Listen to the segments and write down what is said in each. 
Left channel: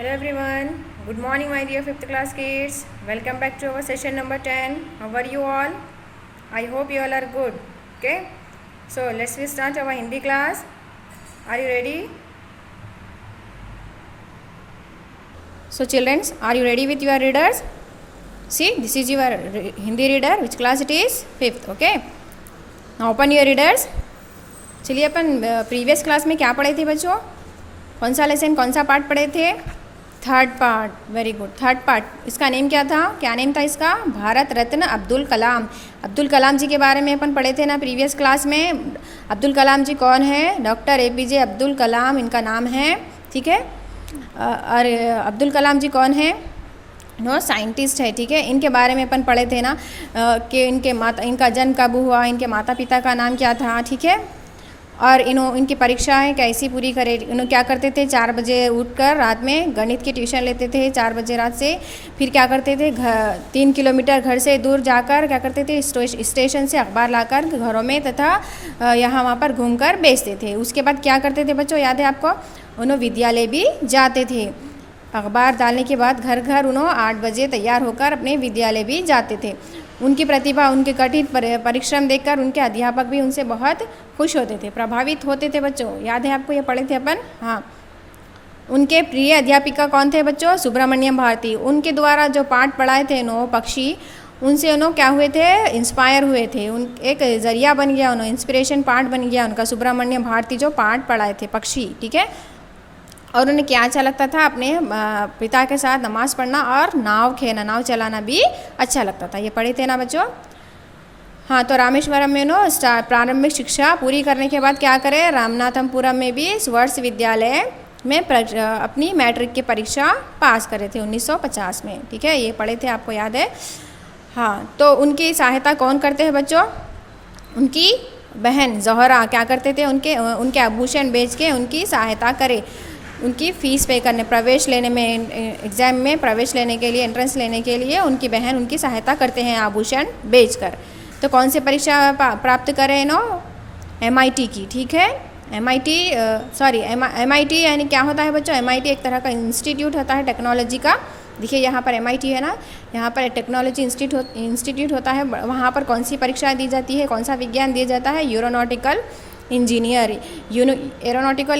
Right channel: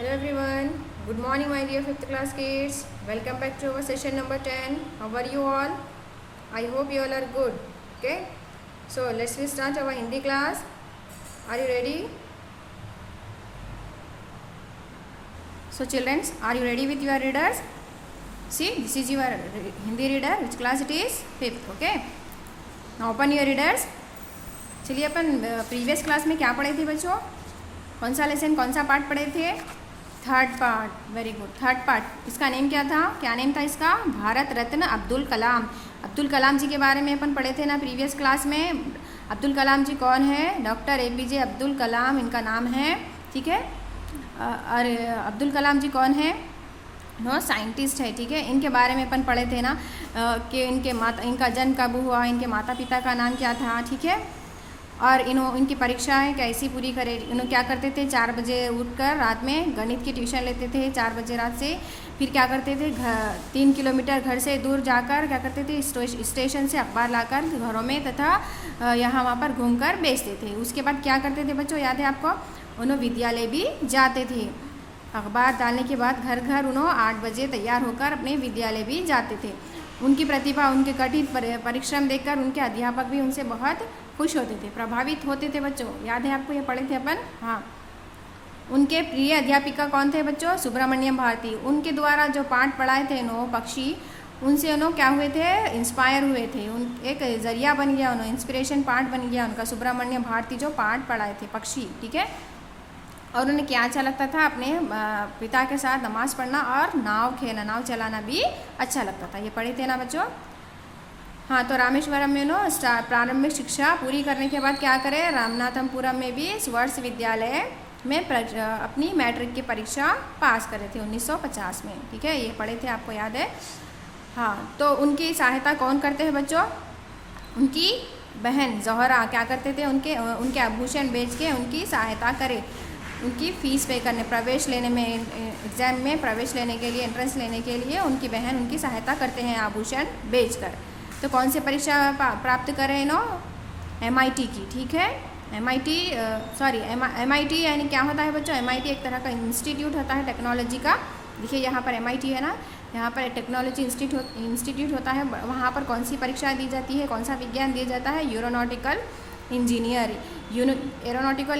Hello everyone. Good morning my dear 5th class kids. Welcome back to our session number 10. How are you all? I hope you all are good. Okay. So let's start our Hindi class. Are you ready? So children, are you ready with your readers? See, this is your Hindi reader. Which class it is? 5th. Okay. Now open your readers. चलिए अपन previous class में क्या पढ़े थे बच्चों? कौन सा lesson, कौन सा पार्ट पढ़े थे? Third part. Very good. Third part. इसका नेम क्या था? क्या नेम था इसका? भारत रत्न अब्दुल कलाम. अब्दुल कलाम जी के बारे में अपन पढ़े थे ना प्रीवियस क्लास में. अब्दुल कलाम जी कौन है? डॉक्टर APJ अब्दुल कलाम इनका नाम है. ठीक है. और अब्दुल कलाम जी कौन है? साइंटिस्ट है. ठीक है. इनके बारे में अपन पढ़े थे ना कि इनका जन्म कब हुआ, इनके माता पिता का नाम क्या था. ठीक है. और इनकी परीक्षाएं कैसी पूरी करे. इन्हों क्या करते थे? 4 बजे उठकर रात में गणित की ट्यूशन लेते थे 4 बजे रात से. फिर क्या करते थे? 3 किलोमीटर घर से दूर जाकर क्या करते थे? स्टेशन से अखबार लाकर घरों में तथा यहाँ वहाँ पर घूमकर बेचते थे. उसके बाद क्या करते थे बच्चों, याद है आपको? उन्होंने विद्यालय भी जाते थे. अखबार डालने के बाद घर घर उन्होंने 8 बजे तैयार होकर अपने विद्यालय भी जाते थे. उनकी प्रतिभा, उनके कठिन परिश्रम देखकर उनके अध्यापक भी उनसे बहुत खुश होते थे, प्रभावित होते थे बच्चों. याद है आपको? ये पढ़े थे अपन. हाँ. उनके प्रिय अध्यापिका कौन थे बच्चों? सुब्रमण्यम भारती. उनके द्वारा जो पाठ पढ़ाए थे पक्षी, उनसे उन्होंने क्या हुए थे? इंस्पायर हुए थे. एक जरिया बन गया, उन्होंने इंस्पिरेशन पाठ बन गया उनका. सुब्रमण्यम भारती जो पाठ पढ़ाए थे पक्षी. ठीक है. और उन्हें क्या अच्छा लगता था? अपने पिता के साथ नमाज़ पढ़ना और नाव नाव चलाना भी अच्छा लगता था. ये पढ़े थे ना बच्चों? हाँ. तो रामेश्वरम में प्रारंभिक शिक्षा पूरी करने के बाद क्या करें? रामनाथपुरम में भी स्वर्स विद्यालय में अपनी मैट्रिक की परीक्षा पास करे थे 1950 में. ठीक है. ये पढ़े थे, आपको याद है? हाँ. तो उनकी सहायता कौन करते हैं बच्चों? उनकी बहन ज़ोहरा क्या करते थे? उनके आभूषण बेच के उनकी सहायता करे, उनकी फ़ीस पे करने, प्रवेश लेने में, एग्ज़ाम में प्रवेश लेने के लिए, एंट्रेंस लेने के लिए उनकी बहन उनकी सहायता करते हैं आभूषण बेचकर. तो कौन सी परीक्षा प्राप्त करें MIT की. ठीक है. MIT यानी क्या होता है बच्चों? MIT एक तरह का इंस्टीट्यूट होता है टेक्नोलॉजी का. देखिए यहाँ पर MIT है ना, यहाँ पर टेक्नोलॉजी इंस्टीट्यूट होता है. वहाँ पर कौन सी परीक्षा दी जाती है, कौन सा विज्ञान दिया जाता है? एरोनॉटिकल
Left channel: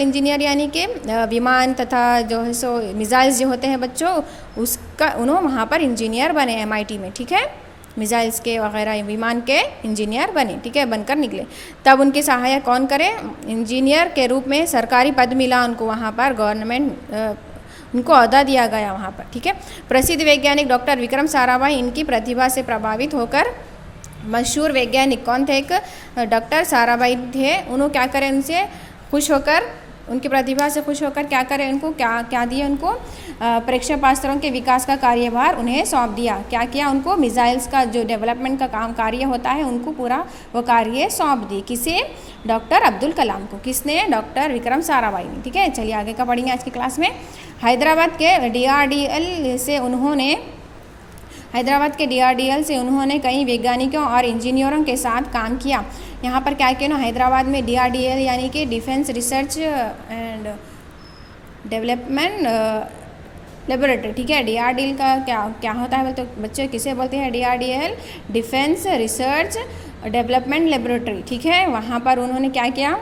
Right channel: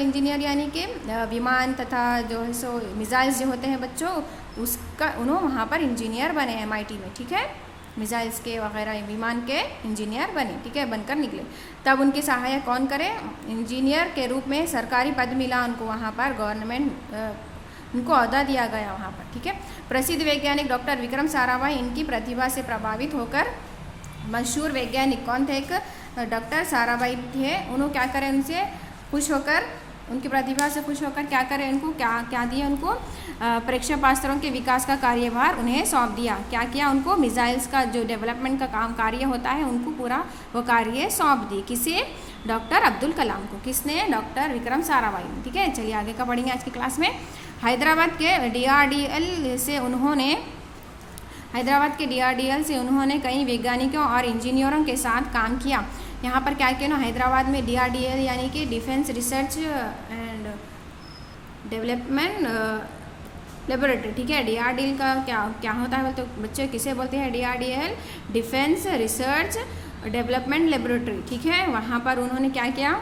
इंजीनियर यानी कि विमान तथा जो है सो मिसाइल्स जो होते हैं बच्चों, उसका उन्होंने वहाँ पर इंजीनियर बने MIT में. ठीक है. मिसाइल्स के वगैरह विमान के इंजीनियर बने. ठीक है. बनकर निकले. तब उनके सहायक कौन करे? इंजीनियर के रूप में सरकारी पद मिला उनको वहाँ पर. गवर्नमेंट उनको अहदा दिया गया वहाँ पर. ठीक है. प्रसिद्ध वैज्ञानिक डॉक्टर विक्रम साराभाई इनकी प्रतिभा से प्रभावित होकर, मशहूर वैज्ञानिक कौन थे? एक डॉक्टर साराभाई थे. उन्होंने क्या करें? उनसे खुश होकर, उनकी प्रतिभा से खुश होकर क्या करें? उनको क्या दिया? उनको प्रक्षेपास्त्रों के विकास का कार्यभार उन्हें सौंप दिया. क्या किया? उनको मिसाइल्स का जो डेवलपमेंट का कार्य होता है, उनको पूरा वो कार्य सौंप दी. किसे? डॉक्टर अब्दुल कलाम को. किसने? डॉक्टर विक्रम साराभाई ने. ठीक है. चलिए आगे का पढ़ेंगे आज की क्लास में. हैदराबाद के DRDL से उन्होंने कई वैज्ञानिकों और इंजीनियरों के साथ काम किया. यहाँ पर क्या किया? हैदराबाद में DRDL यानी कि defence research and development laboratory. ठीक है. DRDL का क्या होता है? तो बच्चे किसे बोलते हैं? DRDL defence research development laboratory. ठीक है. वहाँ पर उन्होंने क्या किया?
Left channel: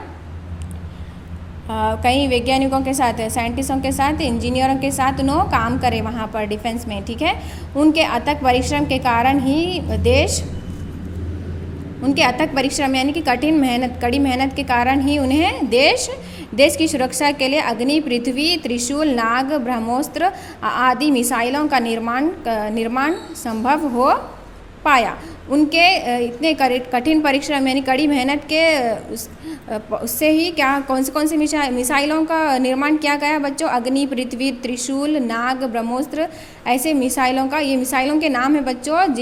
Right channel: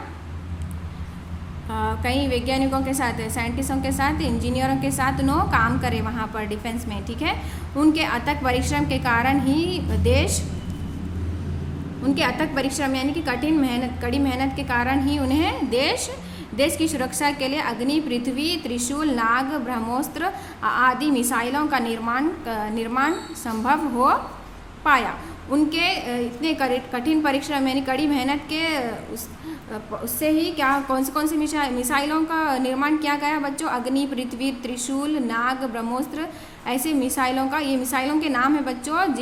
कई वैज्ञानिकों के साथ, साइंटिस्टों के साथ, इंजीनियरों के साथ उन्होंने काम करे वहाँ पर डिफेंस में. ठीक है. उनके अथक परिश्रम के कारण ही उनके अथक परिश्रम यानी कि कड़ी मेहनत के कारण ही उन्हें देश की सुरक्षा के लिए अग्नि, पृथ्वी, त्रिशूल, नाग, ब्रह्मोस्त्र आदि मिसाइलों का निर्माण संभव हो पाया. उनके इतने कठिन परिश्रम यानी कड़ी मेहनत के उससे ही कौन से मिसाइलों का निर्माण किया गया बच्चों? अग्नि, पृथ्वी, त्रिशूल, नाग, ब्रह्मोस्त्र ऐसे मिसाइलों का, ये मिसाइलों के नाम है बच्चों.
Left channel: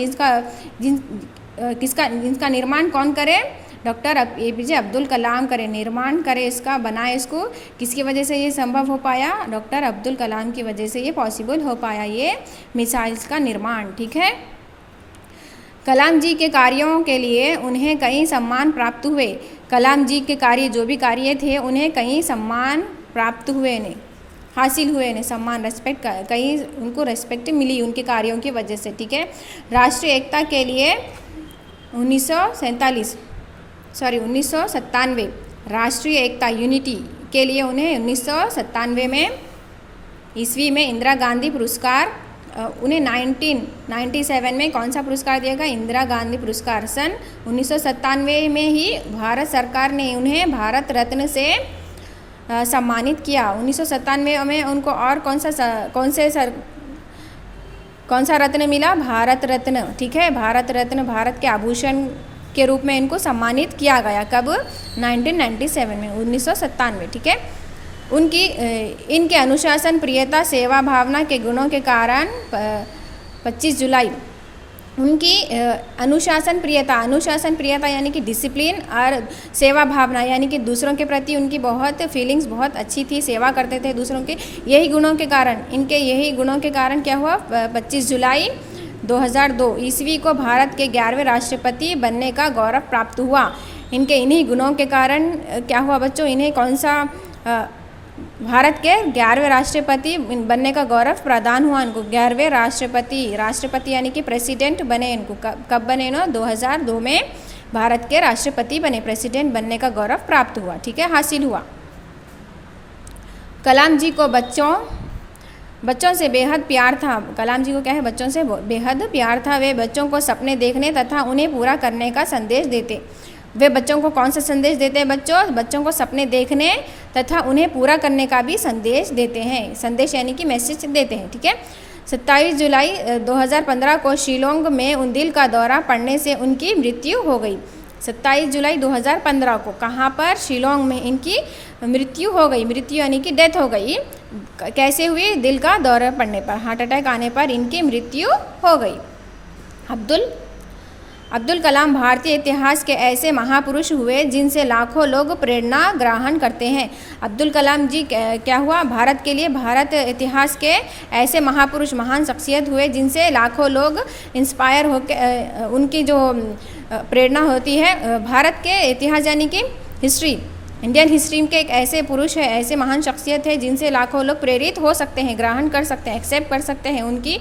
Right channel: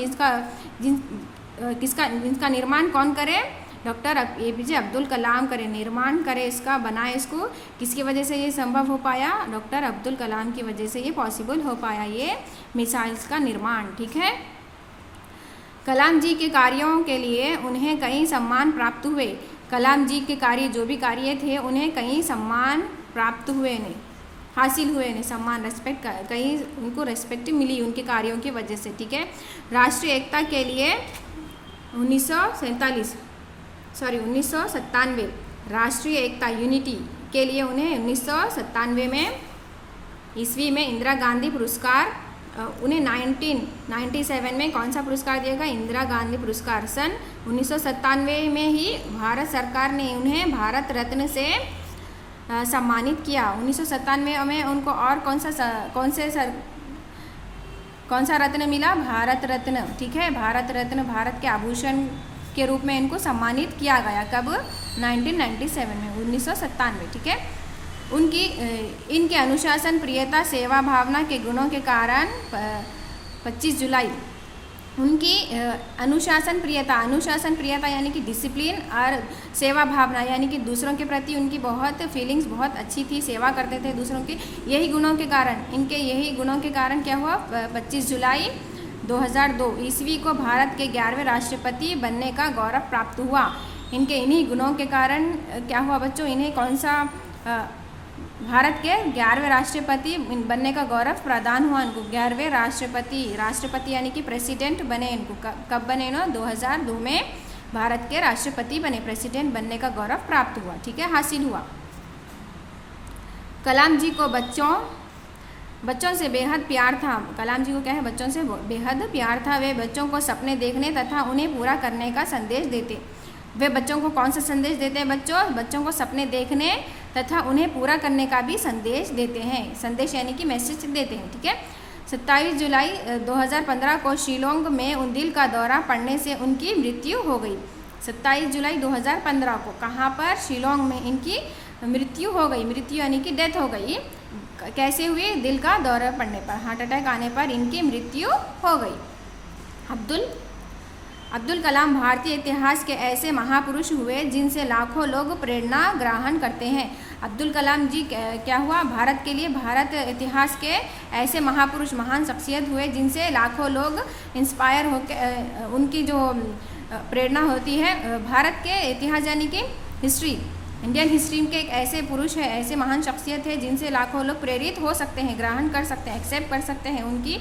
जिनका निर्माण कौन करे? डॉक्टर APJ अब्दुल कलाम करे, निर्माण करे इसका, बनाए इसको. किसकी वजह से ये संभव हो पाया? डॉक्टर अब्दुल कलाम की वजह से ये पॉसिबल हो पाया, ये मिसाइल्स का निर्माण. ठीक है. कलाम जी के कार्यों के लिए उन्हें कई सम्मान प्राप्त हुए. कलाम जी के कार्य, जो भी कार्य थे, उन्हें कई सम्मान प्राप्त हुए. हासिल हुए, इन्हें सम्मान, रेस्पेक्ट, कहीं उनको रेस्पेक्ट मिली उनके कार्यों की वजह से, ठीक है। राष्ट्रीय एकता के लिए 1997 राष्ट्रीय एकता यूनिटी के लिए उन्हें 1997 में ईस्वी में इंदिरा गांधी पुरस्कार, उन्हें 1997 में कौन सा पुरस्कार दिया गया? इंदिरा गांधी पुरस्कार। सन 1997 में ही भारत सरकार ने उन्हें भारत रत्न से सम्मानित किया। 1997 में उनको और कौन सा रत्न मिला? भारत रत्न, ठीक है। भारत रत्न, भारत के आभूषण के रूप में इनको सम्मानित किया गया। कब? 1997 में, 1997, ठीक है। इनके अनुशासन, प्रियता, सेवा भावना के गुणों के कारण 25 जुलाई उनकी अनुशासन प्रियता यानी कि डिसिप्लिन, और सेवा भावना यानी कि दूसरों के प्रति उनकी बहुत फीलिंग्स बहुत अच्छी थी, सेवा करते थे दूसरों के। यही गुणों के कारण क्या हुआ? 25 जुलाई 2002 ईस्वी को भारत के 11वें राष्ट्रपति बनने का गौरव प्राप्त हुआ। इन्हीं गुणों के कारण क्या हुआ बच्चों? इन्हें कौन सा भारत के 11वें राष्ट्रपति बनने का गौरव प्रदान हुआ इनको। 11वें राष्ट्रपति यानी कि प्रेसिडेंट बने इनको। कब बने ना? 2002 में भारत के राष्ट्रपति बने, प्रेसिडेंट बनने का गौरव प्राप्त हुआ, ठीक है, हासिल हुआ। कलाम जी को बच्चों से बेहद प्यार था। कलाम जी को क्या है? बच्चों से बेहद प्यार था। वे बच्चों को सपने देखने तथा उन्हें पूरा करने का संदेश देते। वे बच्चों को कौन सा संदेश देते हैं बच्चों? बच्चों को सपने देखने तथा उन्हें पूरा करने का भी संदेश देते हैं। संदेश यानी कि मैसेज देते हैं, ठीक है। 27 जुलाई 2015 को शिलोंग में उनदिल का दौरा पड़ने से उनकी मृत्यु हो गई। 27 जुलाई 2015 को कहाँ पर? शिलोंग में इनकी मृत्यु हो गई। मृत्यु यानी कि डेथ हो गई। कैसे हुई? दिल का दौरा पड़ने पर, हार्ट अटैक आने पर इनकी मृत्यु हो गई। अब्दुल कलाम भारतीय इतिहास के ऐसे महापुरुष हुए जिनसे लाखों लोग प्रेरणा ग्रहण करते हैं। अब्दुल कलाम जी क्या हुआ? भारत के लिए, भारत इतिहास के ऐसे महापुरुष, महान शख्सियत हुए जिनसे लाखों लोग इंस्पायर होकर, उनकी जो प्रेरणा होती है। भारत के इतिहास यानी कि हिस्ट्री, इंडियन हिस्ट्री के एक ऐसे पुरुष है, ऐसे महान शख्सियत है जिनसे लाखों लोग प्रेरित हो सकते हैं, ग्रहण कर सकते हैं, एक्सेप्ट कर सकते हैं उनकी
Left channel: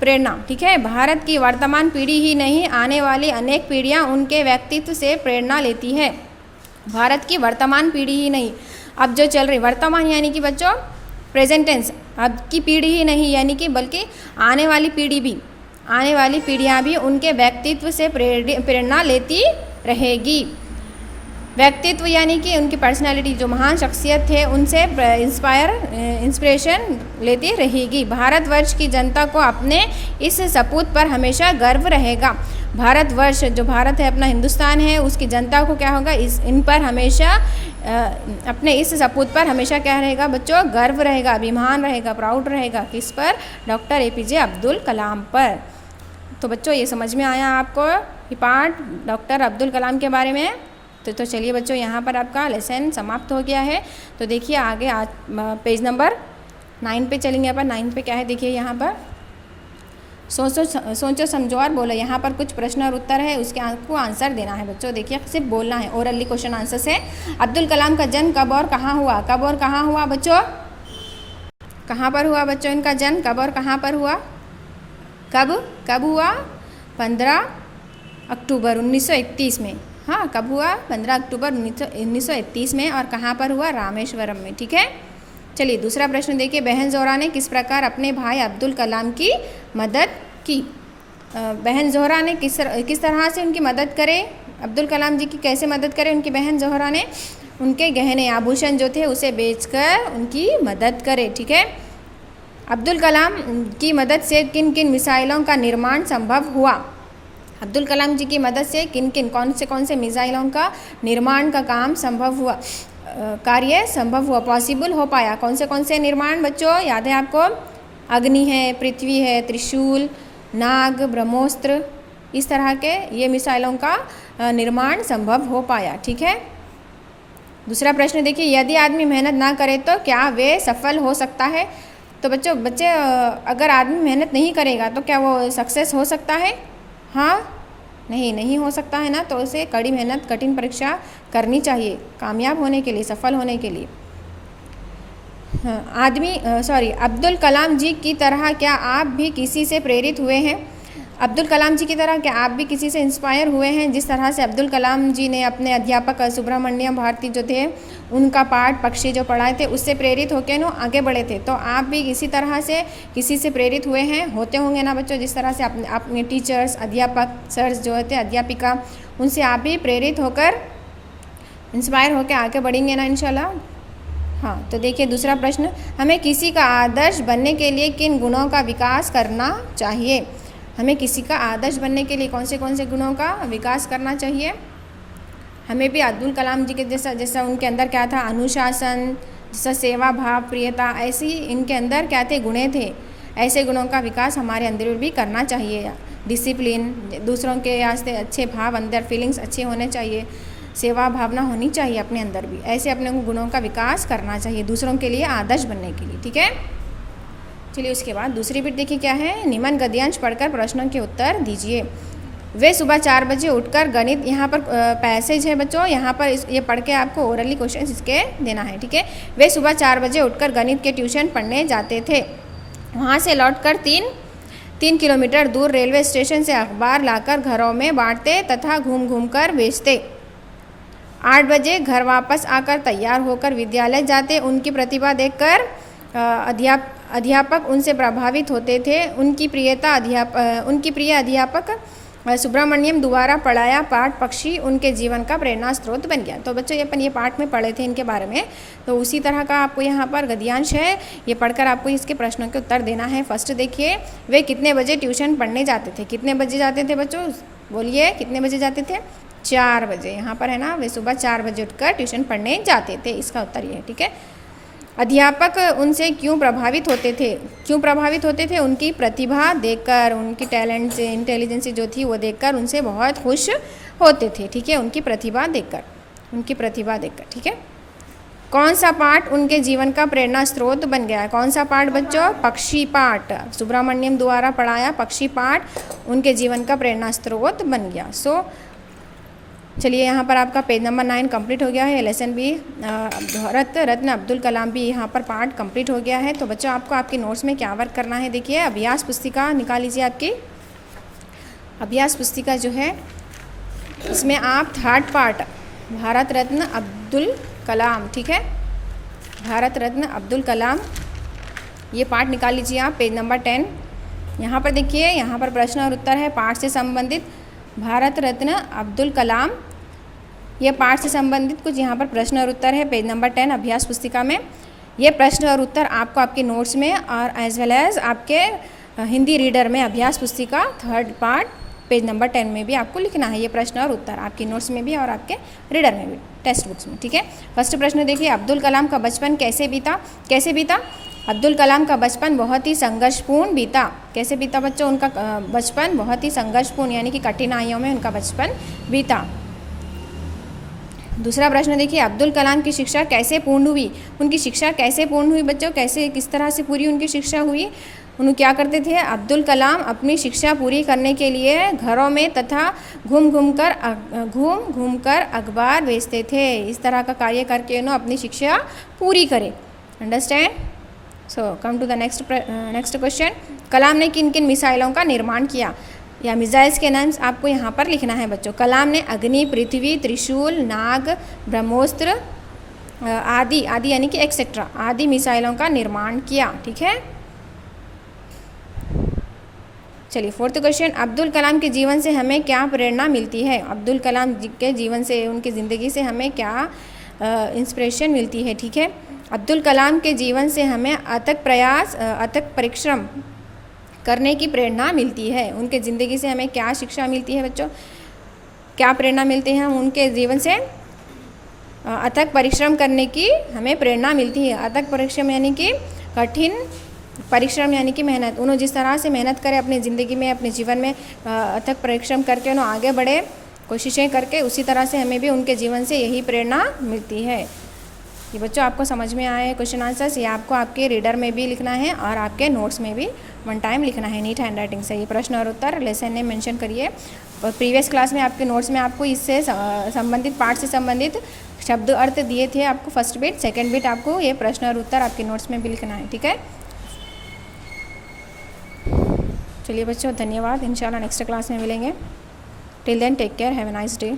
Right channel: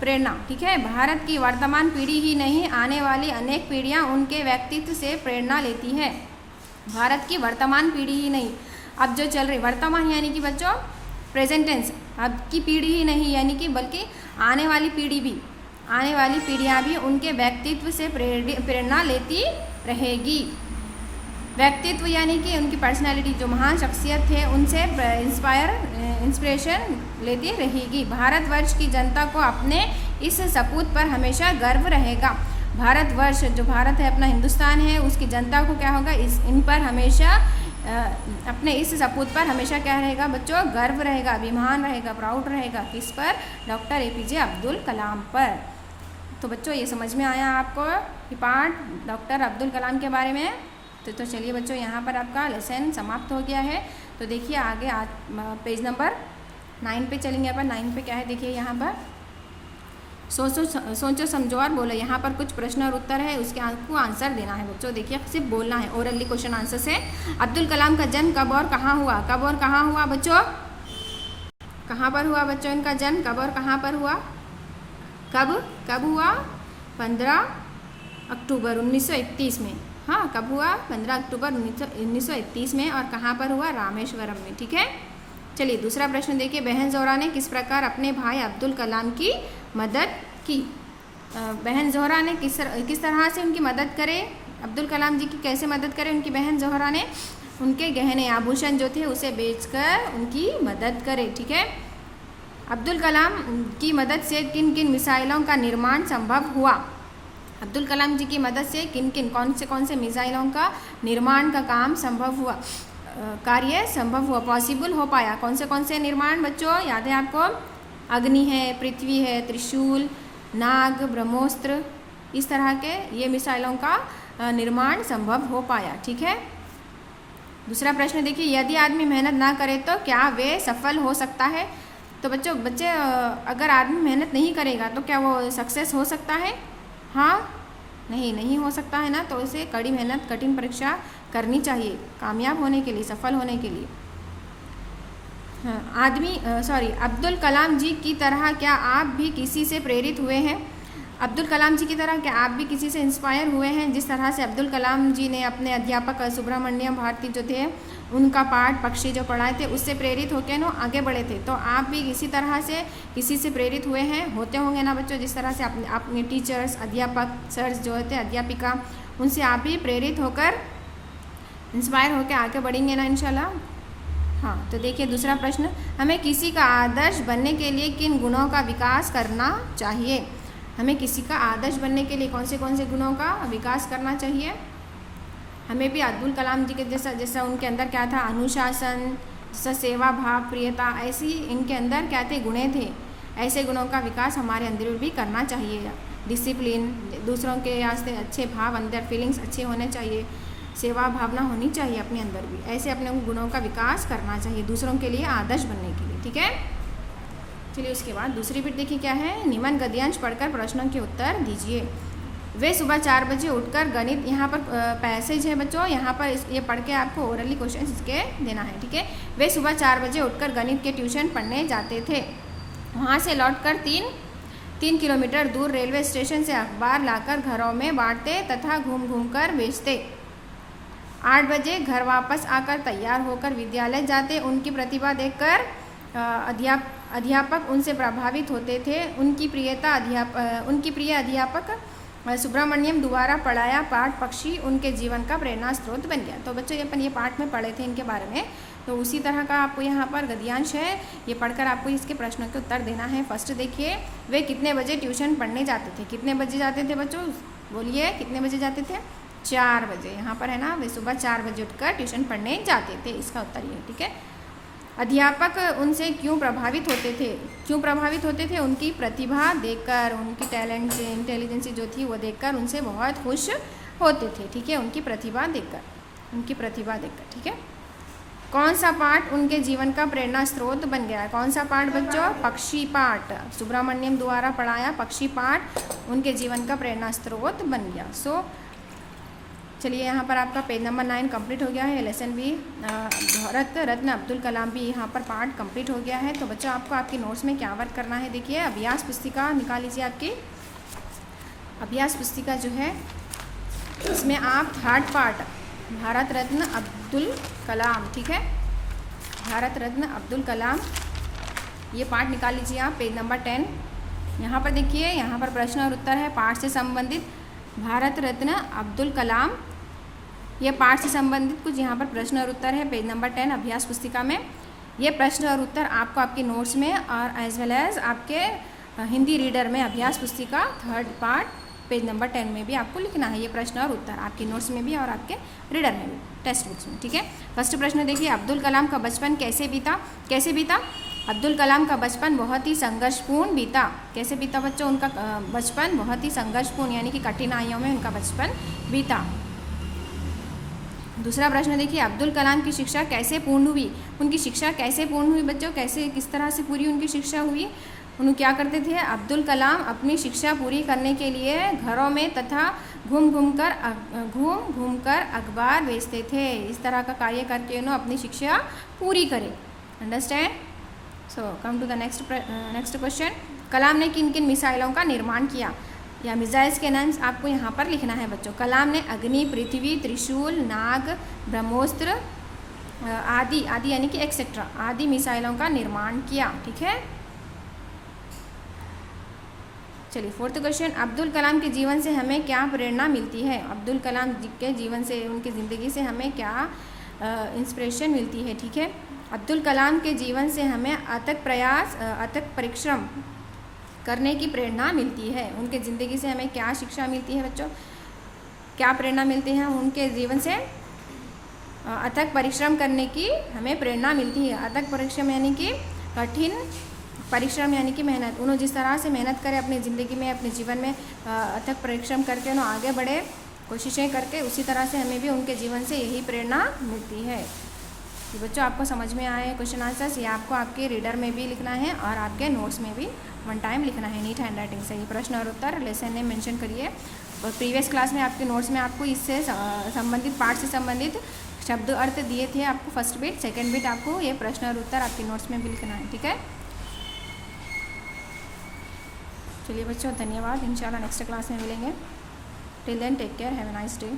प्रेरणा, ठीक है। भारत की वर्तमान पीढ़ी ही नहीं, आने वाली अनेक पीढ़ियां उनके व्यक्तित्व से प्रेरणा लेती है। भारत की वर्तमान पीढ़ी ही नहीं, अब जो चल रही, वर्तमान यानी कि बच्चों प्रेजेंट टेंस, अब की पीढ़ी ही नहीं यानी कि बल्कि आने वाली पीढ़ियां भी उनके व्यक्तित्व से प्रेरणा लेती रहेगी। व्यक्तित्व यानी कि उनकी पर्सनालिटी, जो महान शख्सियत थे उनसे इंस्पिरेशन लेती रहेगी। भारतवर्ष की जनता को अपने इस सपूत पर हमेशा गर्व रहेगा। भारतवर्ष, जो भारत है, अपना हिंदुस्तान है, उसकी जनता को क्या होगा? इन पर हमेशा अपने इस सपूत पर हमेशा क्या रहेगा बच्चों? गर्व रहेगा, अभिमान रहेगा, प्राउड रहेगा। किस पर? डॉक्टर APJ अब्दुल कलाम पर। तो बच्चों ये समझ में आया आपको ये पार्ट डॉक्टर अब्दुल कलाम के बारे में। तो चलिए बच्चों, यहाँ पर आपका लेसन समाप्त हो गया है। तो देखिए आगे पेज नंबर 9 पे चलेंगे। अपन 9 पे क्या है देखिए, यहाँ पर सोचो समझो और बोलो। यहाँ पर कुछ प्रश्न और उत्तर है, उसके आपको आंसर देना है बच्चों। देखिए सिर्फ बोलना है, ओरली क्वेश्चन आंसर से। अब्दुल कलाम का जन्म कब और कहाँ हुआ? कब और कहाँ हुआ बच्चों? कहाँ पर हुआ बच्चों इनका जन्म? कब और कहाँ पर हुआ? कब हुआ? 15 अक्टूबर 1931 में। हाँ, कब हुआ? 15 अक्टूबर 1931 में। और कहाँ पर हुआ? रामेश्वरम में, ठीक है। चलिए दूसरा प्रश्न देखिए। बहन ज़ोहरा ने किस प्रकार अपने भाई अब्दुल कलाम की मदद की? बहन ज़ोहरा ने किस तरह से उनकी मदद करे? अब्दुल कलाम जी की कैसे मदद करे उनकी बहन ज़ोहरा ने? उनके गहने आभूषण जो थे उसे बेचकर उनकी मदद करे, ठीक है। अब्दुल कलाम की मदद से किन किन मिसाइलों का निर्माण संभव हुआ? अब्दुल कलाम जी की मदद से कौन से मिसाइलों का निर्माण का काम संभव हुआ, कार्य संभव हुआ, पॉसिबल हो पाया? कौन से निर्माण बच्चों याद है आपको? अग्नि है, पृथ्वी है, त्रिशूल, नाग, ब्रह्मोस्त्र, इस तरह के ये मिसाइलों का निर्माण संभव हो पाया, ठीक है। दूसरा प्रश्न देखिए। यदि आदमी मेहनत ना करे तो क्या वे सफल हो सकता है? तो बच्चे अगर आदमी मेहनत नहीं करेगा तो क्या वो सक्सेस हो सकता है? हाँ, नहीं हो सकता है ना। तो उसे कड़ी मेहनत, कठिन परीक्षा करनी चाहिए कामयाब होने के लिए, सफल होने के लिए। हाँ, अब्दुल कलाम जी की तरह क्या आप भी किसी से प्रेरित हुए हैं? अब्दुल कलाम जी की तरह क्या आप भी किसी से इंस्पायर हुए हैं? जिस तरह से अब्दुल कलाम जी ने अपने अध्यापक सुब्रमण्यम भारती जो थे उनका पाठ पक्षी जो पढ़ाए थे उससे प्रेरित होकर ना आगे बढ़े थे, तो आप भी इसी तरह से किसी से प्रेरित हुए हैं, होते होंगे ना बच्चों। जिस तरह से अपने टीचर्स, अध्यापक सर्स जो होते अध्यापिका, उनसे आप भी प्रेरित होकर इंस्पायर होकर आगे बढ़ेंगे ना इंशाल्लाह। हाँ, तो देखिए दूसरा प्रश्न, हमें किसी का आदर्श बनने के लिए किन गुणों का विकास करना चाहिए? हमें किसी का आदर्श बनने के लिए कौन से गुणों का विकास करना चाहिए? हमें भी अब्दुल कलाम जी के जैसा उनके अंदर क्या था, अनुशासन, जैसा सेवा भाव, प्रियता, ऐसे ही इनके अंदर क्या थे, गुण थे। ऐसे गुणों का विकास हमारे अंदर भी करना चाहिए। डिसिप्लिन, दूसरों के वास्ते अच्छे भाव, अंदर फीलिंग्स अच्छे होने चाहिए, सेवा भावना होनी चाहिए अपने अंदर भी। ऐसे अपने गुणों का विकास करना चाहिए दूसरों के लिए आदर्श बनने के लिए, ठीक है। चलिए उसके बाद दूसरी बिट देखिए क्या है, निम्न गद्यांश पढ़कर प्रश्नों के उत्तर दीजिए। वे सुबह 4 बजे उठकर गणित, यहाँ पर पैसेज है बच्चों, यहाँ पर ये पढ़ के आपको ओरली क्वेश्चन इसके देना है, ठीक है। वे सुबह 4 बजे उठकर गणित के ट्यूशन पढ़ने जाते थे। वहाँ से लौटकर 3 किलोमीटर दूर रेलवे स्टेशन से अखबार लाकर घरों में बांटते तथा घूम घूम कर बेचते। 8 बजे घर वापस आकर तैयार होकर विद्यालय जाते। उनकी प्रतिभा देखकर अध्यापक उनसे प्रभावित होते थे। उनकी प्रिय अध्यापक सुब्रमण्यम द्वारा पढ़ाया पाठ पक्षी उनके जीवन का प्रेरणा स्रोत बन गया। तो बच्चों ये पाठ में पढ़े थे इनके बारे में, तो उसी तरह का आपको यहाँ पर गद्यांश है, ये पढ़कर आपको इसके प्रश्नों के उत्तर देना है। फर्स्ट देखिए, वे कितने बजे ट्यूशन पढ़ने जाते थे? कितने बजे जाते थे बच्चों, बोलिए कितने बजे जाते थे? 4 बजे। यहाँ पर है ना, वे सुबह 4 बजे उठकर ट्यूशन पढ़ने जाते थे, इसका उत्तर ये है, ठीक है। अध्यापक उनसे क्यों प्रभावित होते थे? क्यों प्रभावित होते थे? उनकी प्रतिभा देखकर, उनकी टैलेंट से, इंटेलिजेंस जो थी वो देखकर उनसे बहुत खुश होते थे, ठीक है। उनकी प्रतिभा देखकर, ठीक है। कौन सा पाठ उनके जीवन का प्रेरणा स्रोत बन गया है? कौन सा पाठ बच्चों? पक्षी पाठ। सुब्रमण्यम द्वारा पढ़ाया पक्षी पाठ उनके जीवन का प्रेरणा स्रोत बन गया। चलिए यहाँ पर आपका पेज नंबर 9 कंप्लीट हो गया है। लेसन भी भारत रत्न अब्दुल कलाम भी यहाँ पर पार्ट कंप्लीट हो गया है। तो बच्चों आपको आपके नोट्स में क्या वर्क करना है, देखिए अभ्यास पुस्तिका निकाल लीजिए। आपकी अभ्यास पुस्तिका जो है इसमें आप 3rd पार्ट भारत रत्न अब्दुल कलाम, ठीक है, भारत रत्न अब्दुल कलाम, ये पार्ट निकाल लीजिए आप, पेज नंबर 10। यहाँ पर देखिए, यहाँ पर प्रश्न और उत्तर है पाठ से संबंधित। भारत रत्न अब्दुल कलाम, ये पाठ से संबंधित कुछ यहाँ पर प्रश्न और उत्तर है, पेज नंबर 10 अभ्यास पुस्तिका में। ये प्रश्न और उत्तर आपको आपके नोट्स में और एज वेल एज आपके हिंदी रीडर में अभ्यास पुस्तिका 3rd पार्ट पेज नंबर 10 में भी आपको लिखना है। ये प्रश्न और उत्तर आपके नोट्स में भी और आपके रीडर में भी, टेक्स्ट बुक्स में, ठीक है। फर्स्ट प्रश्न देखिए, अब्दुल कलाम का बचपन कैसे बीता? अब्दुल कलाम का बचपन बहुत ही संघर्षपूर्ण बीता। कैसे बीता बच्चों? उनका बचपन बहुत ही संघर्षपूर्ण यानी कि कठिनाइयों में उनका बचपन बीता। दूसरा प्रश्न देखिए, अब्दुल कलाम की शिक्षा कैसे पूर्ण हुई? उनकी शिक्षा कैसे पूर्ण हुई बच्चों? किस तरह से पूरी उनकी शिक्षा हुई? उन्होंने क्या करते थे? अब्दुल कलाम अपनी शिक्षा पूरी करने के लिए घरों में तथा घूम घूम कर अखबार बेचते थे। इस तरह का कार्य करके उन्होंने अपनी शिक्षा पूरी करे। Understand? So come to the next question, Kalam ने किन किन मिसाइलों का निर्माण किया? या मिसाइल्स के नाम आपको यहाँ पर लिखना है बच्चों। कलाम ने अग्नि, पृथ्वी, त्रिशूल, नाग, ब्रह्मोस्त्र आदि यानी कि एक्सेट्रा आदि मिसाइलों का निर्माण किया, ठीक है। चलिए 4th क्वेश्चन, अब्दुल कलाम के जीवन से हमें क्या प्रेरणा मिलती है? अब्दुल कलाम के जीवन से, उनकी ज़िंदगी से हमें क्या इंस्पिरेशन मिलती है, ठीक है। अब्दुल कलाम के जीवन से हमें अथक परिश्रम करने की प्रेरणा मिलती है। उनके ज़िंदगी से हमें क्या शिक्षा मिलती है बच्चों? क्या प्रेरणा मिलती है? उनके जीवन से अथक परिश्रम करने की हमें प्रेरणा मिलती है। अथक परिश्रम यानी कि कठिन परिश्रम यानी कि मेहनत। उन्होंने जिस तरह से मेहनत करे अपनी ज़िंदगी में, अपने जीवन में अथक परिश्रम करके उन्होंने आगे बढ़े, कोशिशें करके, उसी तरह से हमें भी उनके जीवन से यही प्रेरणा मिलती है। ये बच्चों आपको समझ में आए क्वेश्चन आंसर्स? ये आपको आपके रीडर में भी लिखना है और आपके नोट्स में भी 1 टाइम लिखना है नीट हैंड राइटिंग से। ये प्रश्न और उत्तर लेसन ने मेंशन करिए। और प्रीवियस क्लास में आपके नोट्स में आपको इससे संबंधित पाठ से संबंधित शब्द अर्थ दिए थे आपको फर्स्ट बिट, सेकंड बिट आपको ये प्रश्न और उत्तर आपके नोट्स में भी लिखना है, ठीक है। चलिए बच्चों, धन्यवाद। इंशाल्लाह नेक्स्ट क्लास में मिलेंगे। Till then take care, have a nice day.